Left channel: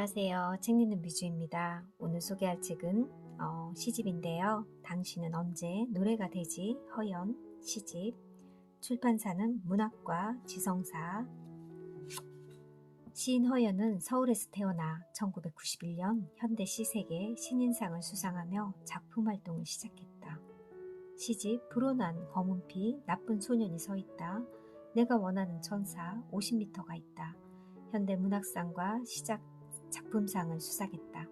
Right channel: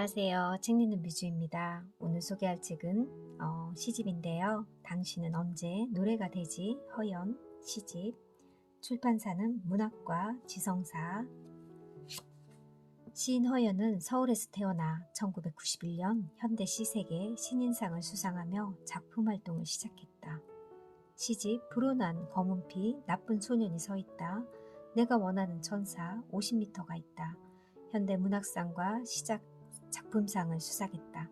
안녕하세요. 책 읽는 뮤즈입니다. 오늘 소개할 책은 시집인데요. 당신은 언제 노래가 되지? 허연 시집. 출판사는 문학과 지성사. 시인 허연은 서울에서 태어나 1991년 현대 시색의 신인상을 수상하며 작품 활동을 시작했다. 시집 불온한 검은피 나쁜 소년이 서있다. 내가 원하는 천사 50m가 있다. 현대문학상과 작품상을 수상했다.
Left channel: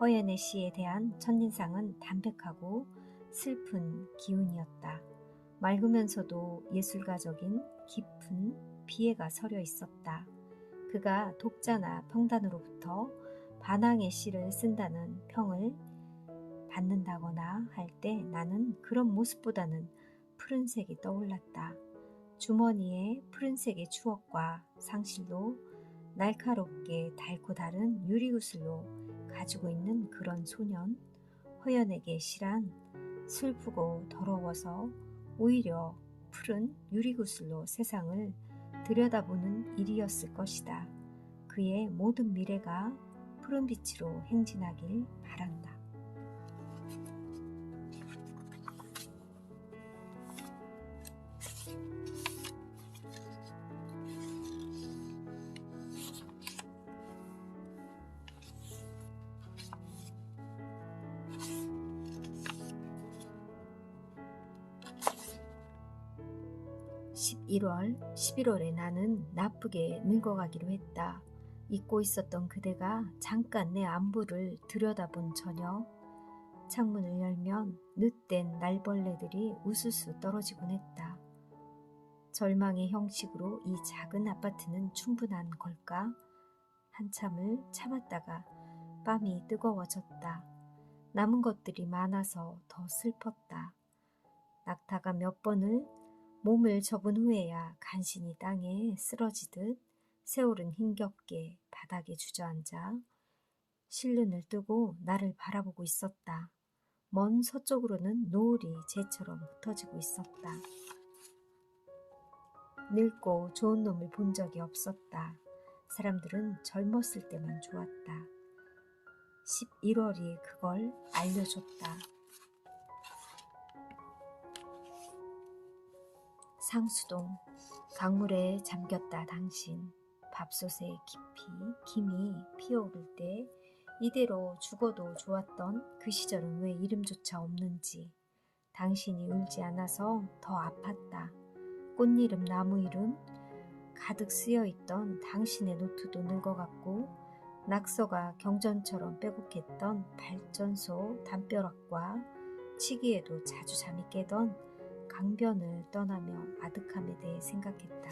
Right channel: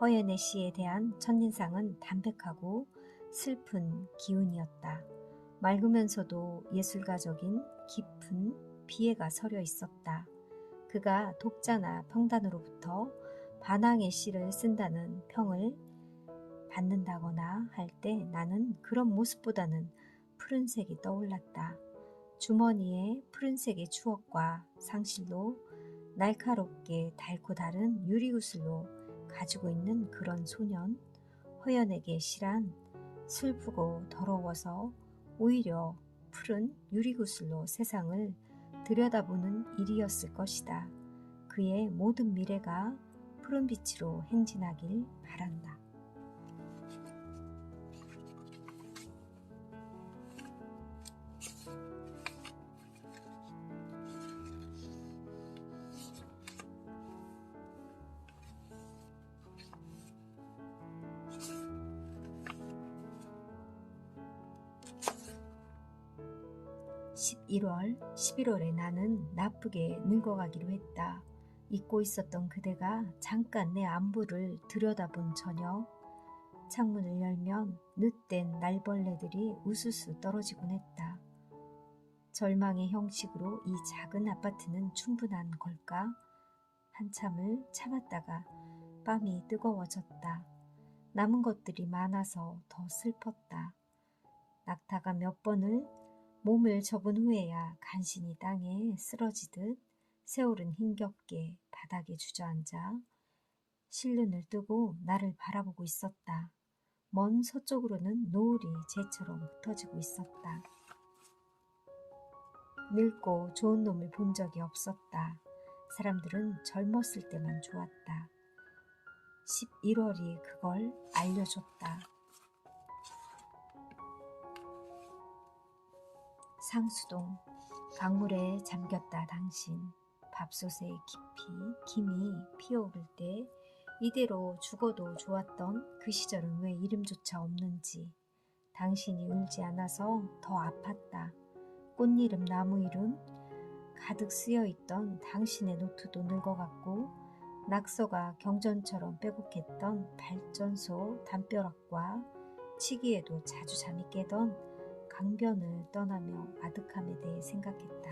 허연의 시에 대한 첫인상은 담백하고 슬픈 기운이었다. 맑으면서도 예술가적인 깊은 비애가 서려 있었다. 그가 독자나 평단으로부터 반항의 시를 쓴다는 평을 받는다거나 할 때 나는 그런 모습보다는 푸른색이 떠올랐다. 주머니에 푸른색의 추억과 상실로 날카롭게 닳고 다른 유리구슬로 가지고 있는 그런 소년. 허연에게 시란 슬프고 더러워서 오히려 푸른 유리구슬로 세상을 들여다보는 일이었을 것이다. 그의 모든 미래가 푸른 빛으로 행진하길 바란다. 11월에 나는 나쁘게 늙어가기로 했다. 잊고 있었던 그대가 잠깐 내 안부를 들여다본 저녁. 창문을 열면 늦된 날벌레들이 우수수 떨어지곤 했다. 절망의 형식으로 이 작은 아파트는 충분한 걸까? 한참을 참았다가 뺨이 뜨거워졌다. 남은 것들이 많아서 더 슬펐다. 낙타가 몇 번을 몸을 접은 후에야 간신히 땅에 쓰러지듯 새오른 힘겹게 바닥에 주저앉아 실눈을 뜨고 나를 바라보고 있었다. 먼 서쪽으로는 노을이 재처럼 흩어지고 있었다. 늙고 좋은 놈을 본 적이 없었다. 사람들은 젊었을 때만 좋았다. 11월이 그걸 알려줬다. 상수동. 강물에 잠겼다 당신. 밥솥에 김이 피어오를 때 이대로 죽어도 좋았던 그 시절은 왜 이름조차 없는지. 당신이 울지 않아서 더 아팠다. 꽃이름 나무 이름 가득 쓰여있던 당신의 노트도 늙어갔고 낙서가 경전처럼 빼곡했던 발전소 담벼락과 치기에도 자주 잠이 깨던 강변을 떠나며 아득함에 대해 생각했다.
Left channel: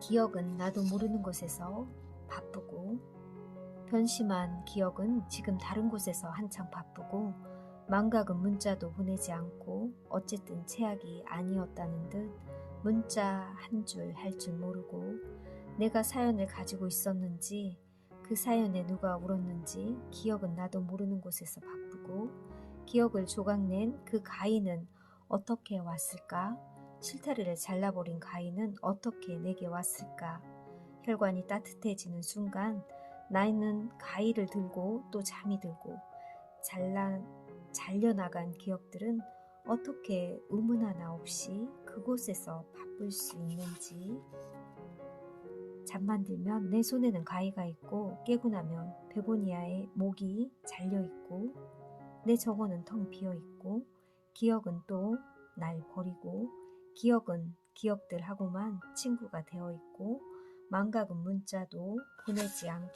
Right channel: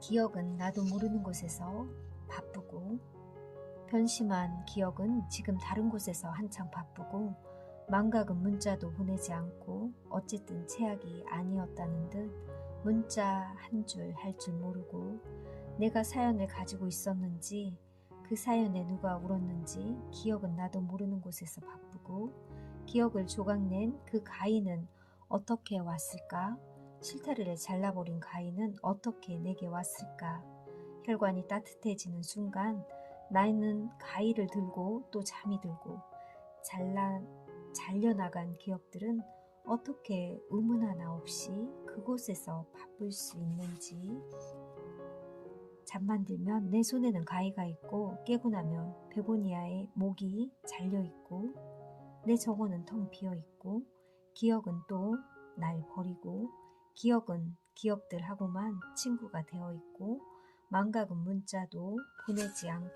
기억은 나도 모르는 곳에서 바쁘고 변심한 기억은 지금 다른 곳에서 한창 바쁘고 망각은 문자도 보내지 않고 어쨌든 최악이 아니었다는 듯 문자 한 줄 할 줄 모르고 내가 사연을 가지고 있었는지 그 사연에 누가 울었는지 기억은 나도 모르는 곳에서 바쁘고 기억을 조각낸 그 가인은 어떻게 왔을까? 실타래를 잘라버린 가인은 어떻게 내게 왔을까? 혈관이 따뜻해지는 순간 나는 가위를 들고 또 잠이 들고 잘려나간 기억들은 어떻게 의문 하나 없이 그곳에서 바쁠 수 있는지. 잠만 들면 내 손에는 가위가 있고 깨고 나면 베고니아의 목이 잘려있고 내 정원은 텅 비어있고 기억은 또 날 버리고 기억은 기억들하고만 친구가 되어있고 망각은 문자도 보내지 않고.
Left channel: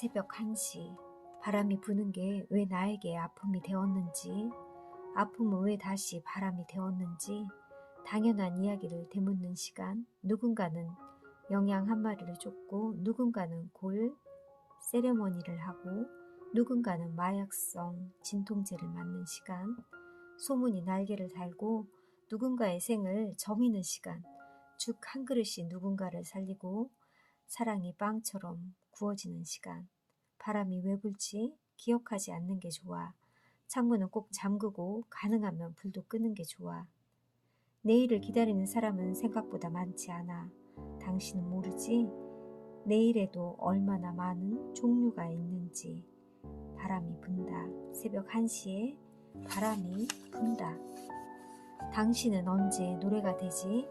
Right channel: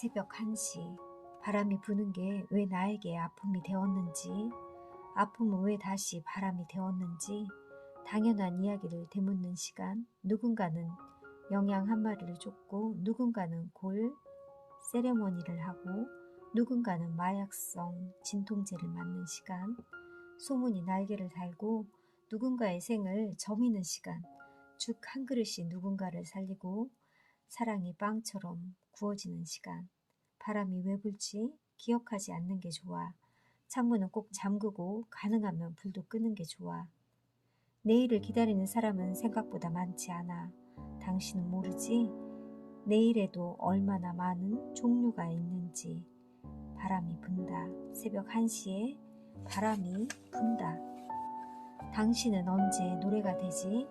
새벽 1시 바람이 부는 게 왜 나에게 아픔이 되었는지 아픔은 왜 다시 바람이 되었는지 당연한 이야기를 되묻는 시간. 누군가는 영양 한 마리를 쫓고 누군가는 골 세레머니를 하고 누군가는 마약성 진통제를 맞는 시간. 소문이 날개를 달고 누군가의 생을 저미는 시간. 죽 한 그릇이 누군가를 살리고 사랑이 빵처럼 구워지는 시간. 바람이 왜 불지 기억하지 않는 게 좋아. 창문은 꼭 잠그고 가능하면 불도 끄는 게 좋아. 내일을 기다리는 사람은 생각보다 많지 않아. 당신은 모르지? 내일에도 얼마나 많은 종류가 있는지. 바람이 분다. 새벽 1시에 바람이 분다. 당신은 언제 노래가 되지?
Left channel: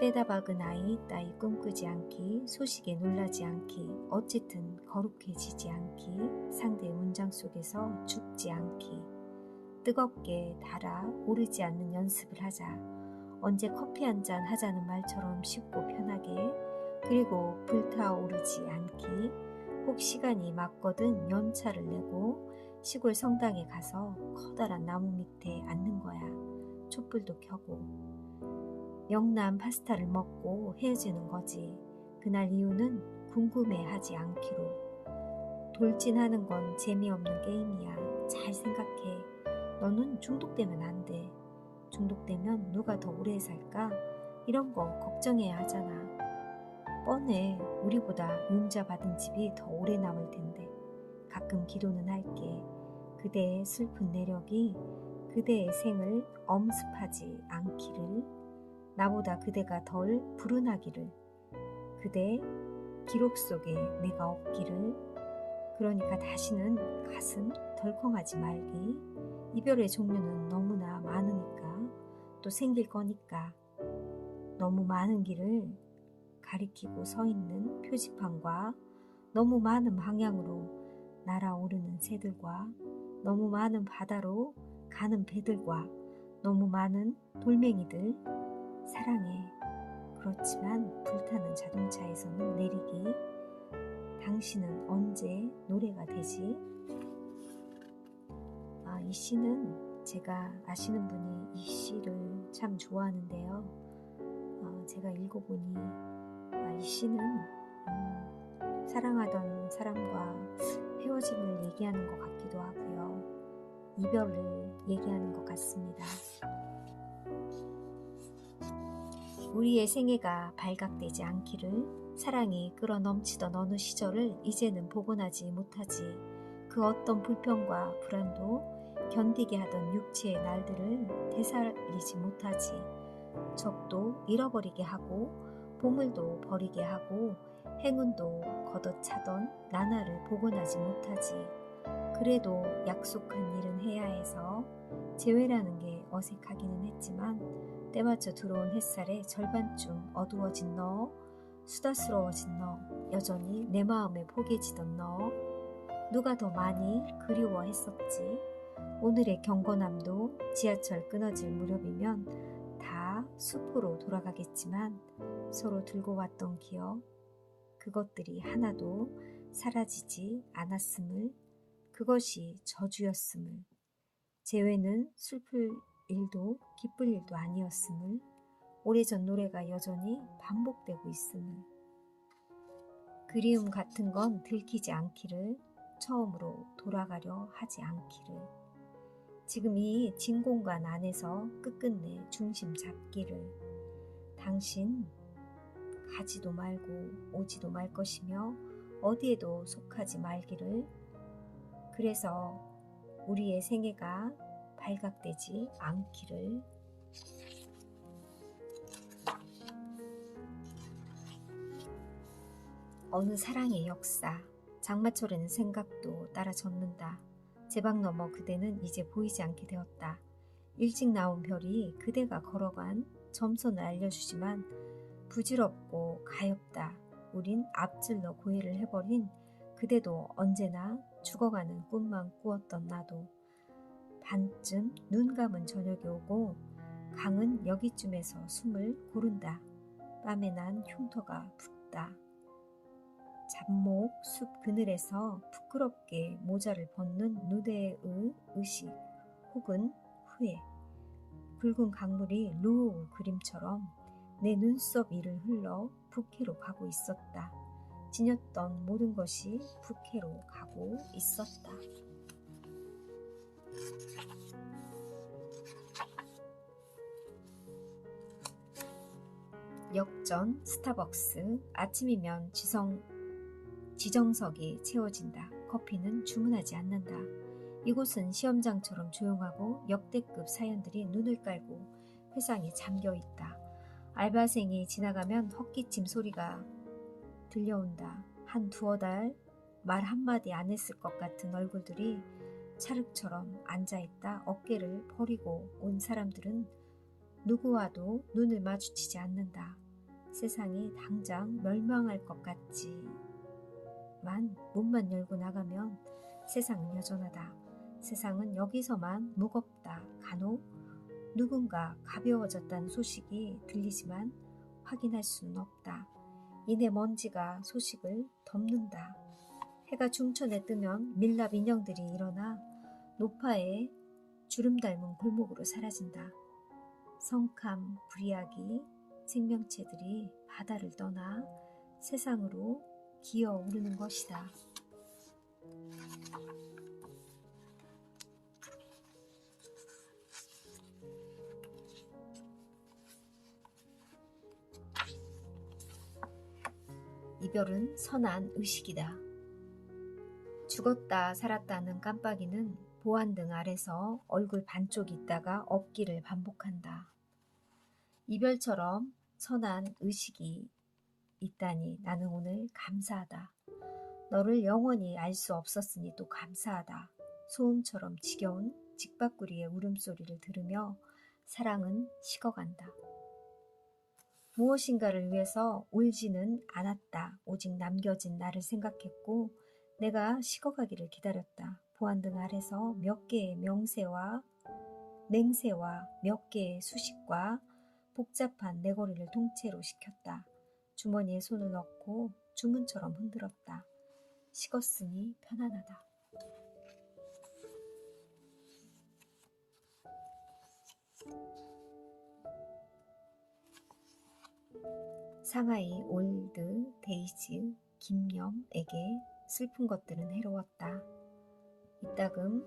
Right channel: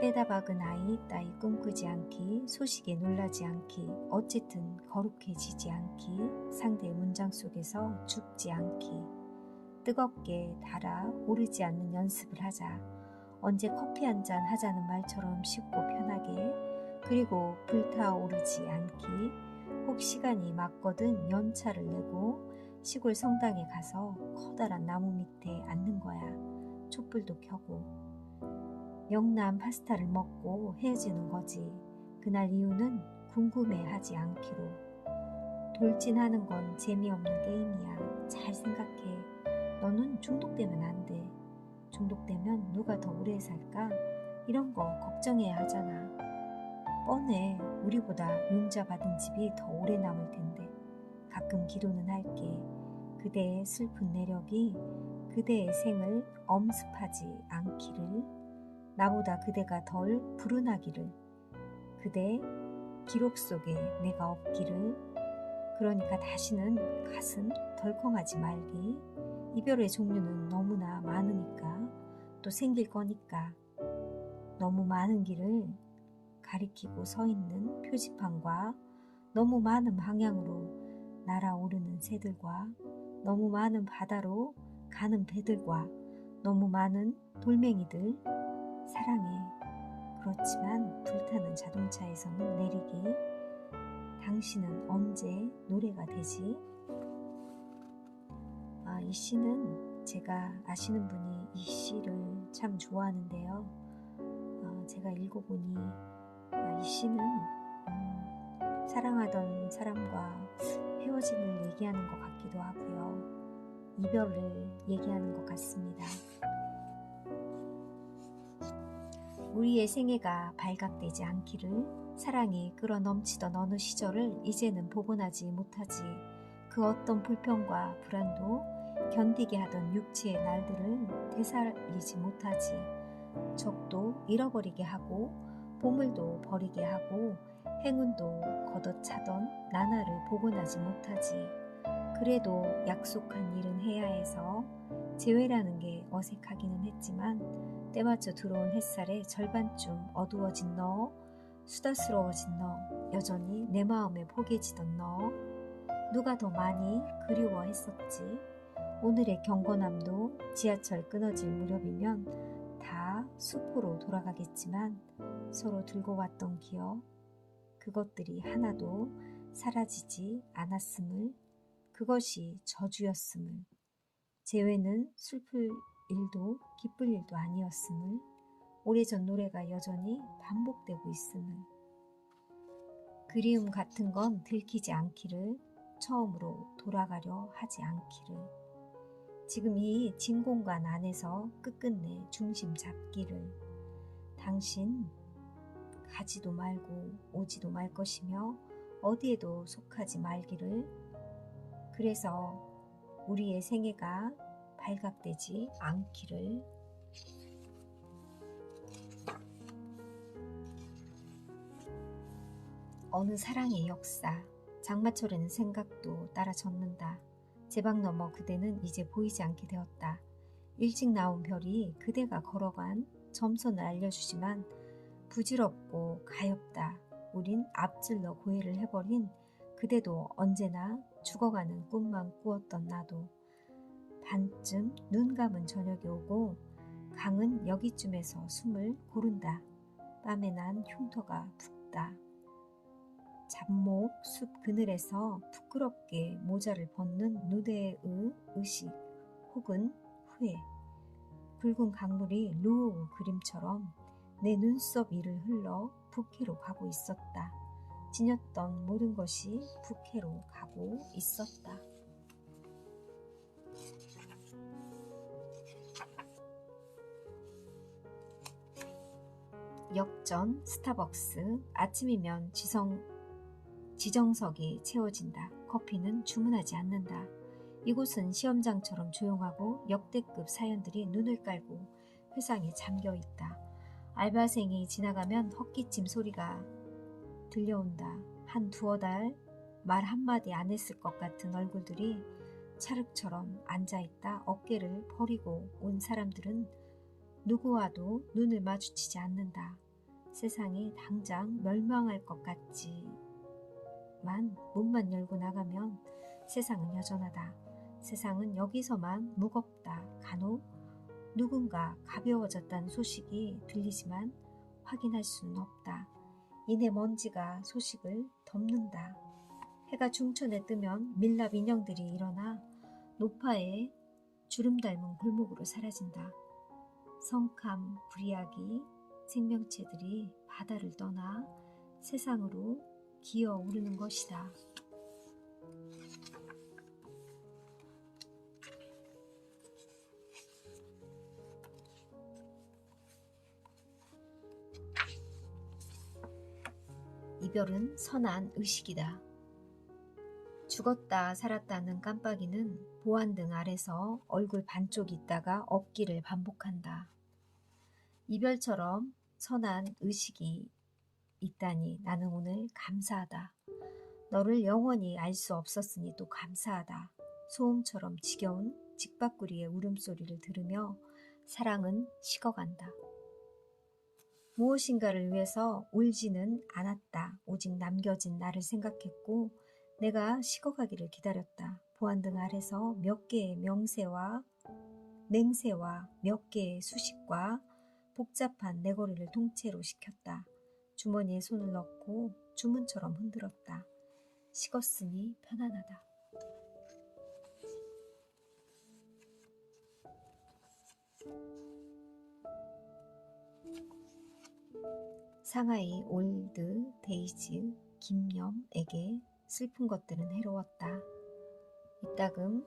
때다 박은 아이 따위 꿈꾸지 않기, 소식에 놀라지 않기, 어쨌든 거룩해지지 않기, 상대의 문장 속에서 죽지 않기, 뜨겁게 달아 오르지 않는 연습을 하자. 언제 커피 한잔 하자는 말처럼 쉽고 편하게, 그리고 불타오르지 않기, 혹 시간이 맞거든 연차를 내고 시골 성당에 가서 커다란 나무 밑에 앉는 거야. 촛불도 켜고. 영남 파스타를 먹고 헤어지는 거지. 그날 이유는 궁금해하지 않기로. 돌진하는 건 재미없는 게임이야. 잘 생각해. 너는 중독되면 안 돼. 중독되면 누가 더 오래 살까? 이런 거 걱정해야 하잖아. 뻔해. 우리보다 융자 받은 집이 더 오래 남을 텐데. 가끔 기도는 할게. 그대의 슬픈 내력이 그대의 생을 엄습하지 않기를. 나보다 그대가 덜 불운하기를. 그대 기록 속에 내가 없기를. 그러니까 다시는 가슴 덜컹하지 말기. 이별의 종류는 너무나 많으니까, 또 생길 거니까. 너무 많은 길을 가리키고 서 있는 표지판과 너무 많은 방향으로 날아오르는 새들과 너무 많은 바다로 가는 배들과 너무 많은 돌멩이들. 사랑해. 그렇지만 불타는 자동차에서는 내리기. 당신은 언제 노래가 되지? 이 시는 제가 아시는 분이 이 시를 참 좋아하는데요. 제가 읽어보니 이 시는 사랑하던 사람과 헤어짐을 얘기하는 것 같기도 하고요. 이별을 얘기하는 것 같습니다. 우리의 생애가 발각되지 않기를. 사랑이 끌어넘치던 어느 시절을 이제는 복원하지 못하지. 그 어떤 불평과 불안도 견디게 하던 육체의 날들을 되살리지 못하지. 적도 잃어버리게 하고 보물도 버리게 하고 행운도 걷어차던 나날을 복원하지 못하지. 그래도 약속한 일은 해야 해서 재회라는 게 어색하기는 했지만, 때맞춰 들어온 햇살에 절반쯤 어두워진 너, 수다스러워진 너, 여전히 내 마음에 포개지던 너, 누가 더 많이 그리워했었지. 오늘의 경건함도 지하철 끊어질 무렵이면 다 숲으로 돌아가겠지만, 서로 들고 왔던 기억, 그것들이 하나도 사라지지 않았음을, 그것이 저주였음을, 재회는 슬플 일도 기쁠 일도 아니었음을, 오래전 노래가 여전히 반복되고 있음을, 그리움 같은 건 들키지 않기를, 처음으로 돌아가려 하지 않기를, 지금 이 진공관 안에서 끝끝내 중심 잡기를. 당신 가지도 말고 오지도 말 것이며 어디에도 속하지 말기를. 그래서 우리의 생애가 발각되지 않기를. 어느 사랑의 역사. 장마철에는 생각도 따라 젖는다. 제방 너머 그대는 이제 보이지 않게 되었다. 일찍 나온 별이 그대가 걸어간 점선을 알려주지만 부질없고 가엾다. 우린 앞질러 고해를 해버린 그대도 언제나 죽어가는 꿈만 꾸었던 나도. 반쯤 눈 감은 저녁이 오고 강은 여기쯤에서 숨을 고른다. 땀에 난 흉터가 붓다. 잡목 숲 그늘에서 부끄럽게 모자를 벗는 누대의 의식 혹은 후회. 붉은 강물이 루우 그림처럼 내 눈썹 위를 흘러 북해로 가고 있었다. 지녔던 모든 것이 북해로 가고 있었다. 역전, 스타벅스, 아침이면 지정석이 채워진다. 커피는 주문하지 않는다. 이곳은 시험장처럼 조용하고 역대급 사연들이 눈을 깔고 회상에 잠겨있다. 알바생이 지나가면 헛기침 소리가 들려온다. 한 두어 달 말 한마디 안 했을 것 같은 얼굴들이 찰흙처럼 앉아있다. 어깨를 버리고 온 사람들은 누구와도 눈을 마주치지 않는다. 세상이 당장 멸망할 것 같지만 문만 열고 나가면 세상은 여전하다. 세상은 여기서만 무겁다. 간혹 누군가 가벼워졌다는 소식이 들리지만 확인할 수는 없다. 이내 먼지가 소식을 덮는다. 해가 중천에 뜨면 밀랍 인형들이 일어나 노파의 주름 닮은 골목으로 사라진다. 성캄 브리아기 생명체들이 바다를 떠나 세상으로 기어오르는 것이다. 이별은 선한 의식이다. 죽었다 살았다는 깜빡이는 보안등 아래서 얼굴 반쪽 있다가 없기를 반복한다. 이별처럼 선한 의식이 있다니 나는 오늘 감사하다. 너를 영원히 알 수 없었으니 또 감사하다. 소음처럼 지겨운 직박구리의 울음소리를 들으며 사랑은 식어간다. 무엇인가를 위해서 울지는 않았다. 오직 남겨진 나를 생각했고 내가 식어가기를 기다렸다. 보안등 아래서 몇 개의 맹세와 몇 개의 수식과 복잡한 내거리를 통째로 시켰다. 주머니에 손을 넣고 주문처럼 흔들었다. 식었으니 편안하다. 상하이 올드 데이즈 김염에게 슬픈 것들은 해로웠다. 이따금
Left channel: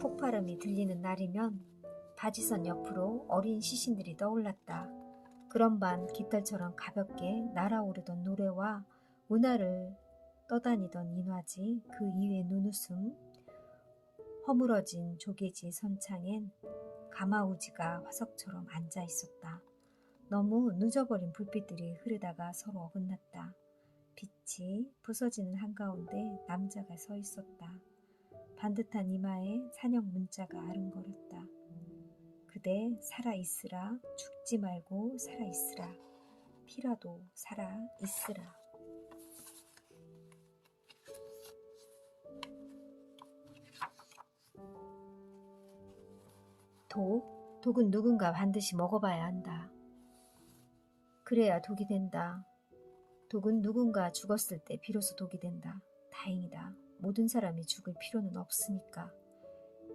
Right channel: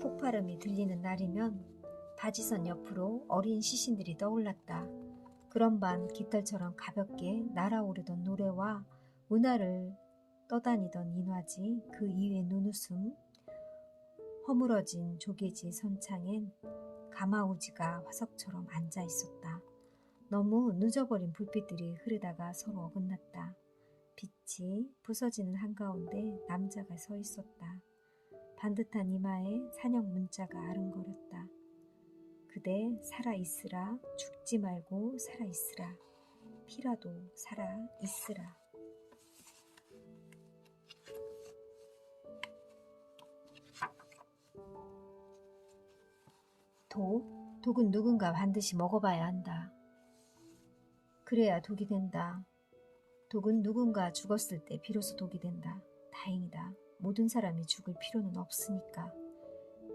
폭발음이 들리는 날이면 바지선 옆으로 어린 시신들이 떠올랐다. 그런 반 깃털처럼 가볍게 날아오르던 노래와 은하를 떠다니던 인화지, 그 이외의 눈웃음, 허물어진 조개지 선창엔 가마우지가 화석처럼 앉아 있었다. 너무 늦어버린 불빛들이 흐르다가 서로 어긋났다. 빛이 부서지는 한가운데 남자가 서 있었다. 반듯한 이마에 산형 문자가 아른거렸다. 그대 살아있으라. 죽지 말고 살아있으라. 피라도 살아있으라. 독은 누군가 반드시 먹어봐야 한다. 그래야 독이 된다. 독은 누군가 죽었을 때 비로소 독이 된다. 다행이다. 모든 사람이 죽을 필요는 없으니까.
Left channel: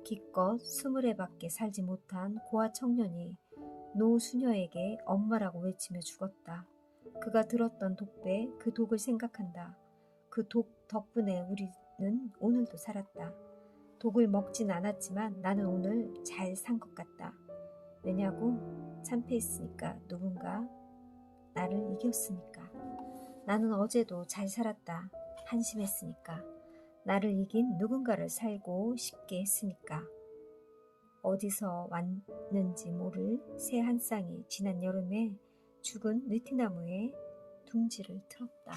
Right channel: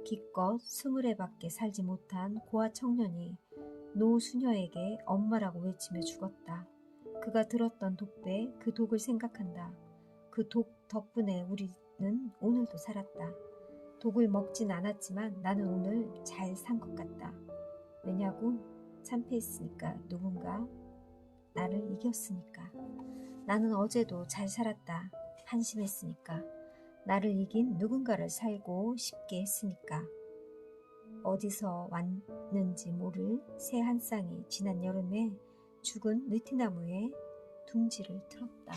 기껏 20밖에 살지 못한 고아 청년이 노수녀에게 엄마라고 외치며 죽었다. 그가 들었던 독배, 그 독을 생각한다. 그 독 덕분에 우리는 오늘도 살았다. 독을 먹진 않았지만 나는 오늘 잘 산 것 같다. 왜냐고? 참패했으니까. 누군가 나를 이겼으니까. 나는 어제도 잘 살았다. 한심했으니까. 나를 이긴 누군가를 살고 싶게 했으니까. 어디서 왔는지 모를 새 한 쌍이 지난 여름에 죽은 느티나무에 둥지를 틀었다.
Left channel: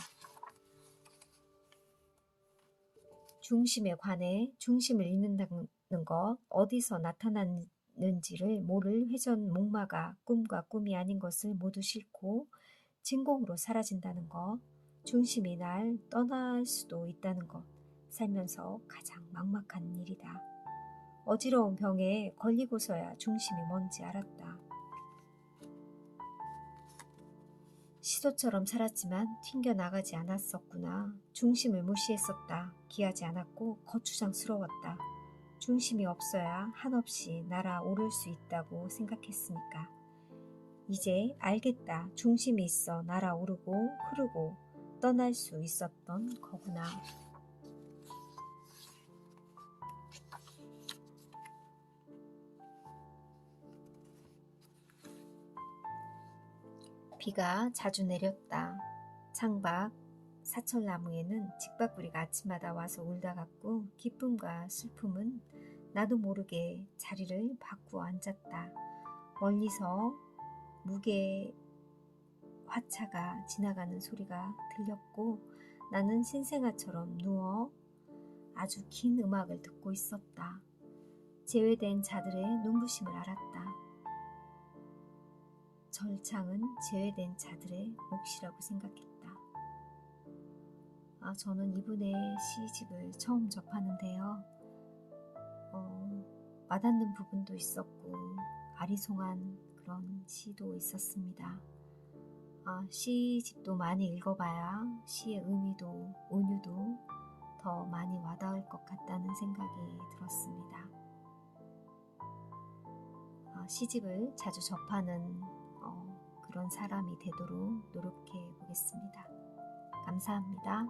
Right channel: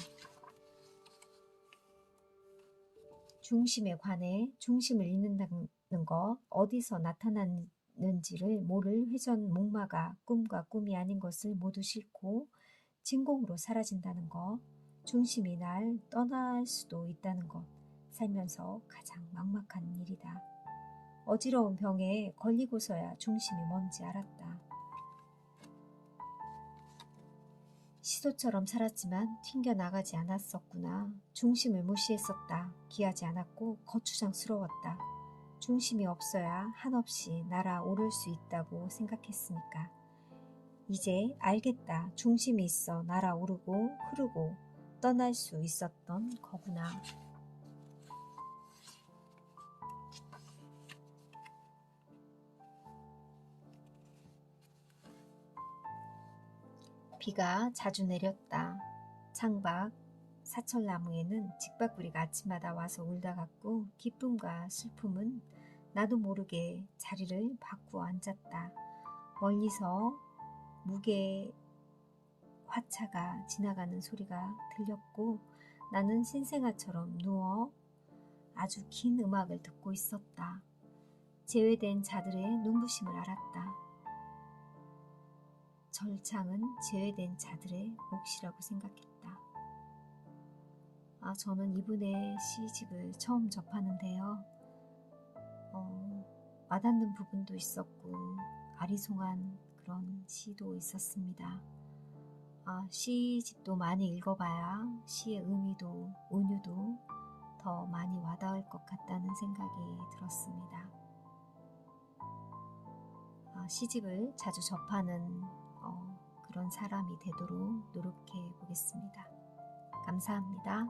중심에 관해 중심을 잃는다는 것, 어디서 나타났는지를 모를 회전 목마가 꿈과 꿈이 아닌 것을 모두 싣고 진공으로 사라진다는 것, 중심이 날 떠날 수도 있다는 것, 살면서 가장 막막한 일이다. 어지러운 병에 걸리고서야 중심이 뭔지 알았다. 시도처럼 살았지만 튕겨나가지 않았었구나. 중심을 무시했었다. 귀하지 않았고 거추장스러웠다. 중심이 없어야 한없이 날아오를 수 있다고 생각했으니까. 이제 알겠다. 중심이 있어 날아오르고 흐르고 떠날 수 있었던 거구나. 비가 자주 내렸다. 창밖 사철나무에는 직박구리가 아침마다 와서 울다 갔고 기쁨과 슬픔은 나도 모르게 자리를 바꾸어 앉았다. 멀리서 무게 화차가 지나가는 소리가 들렸고 나는 신생아처럼 누워 아주 긴 음악을 듣고 있었다. 제외된 자들의 눈부심을 알았다. 절창은 제외된 자들의 몫이라고 생각했다. 저는 이분의 시집을 처음 접하는데요. 와닿는 부분도 있었고 아리송한 그런 시도 있었습니다. 시집도 많이 읽어봐야 시의 의미도 은유도 더 많이 와닿을 것 같다는 생각이 들었습니다. 시집을 자주 접하는 그런 사람이 되도록 노력해 보겠습니다. 감사합니다.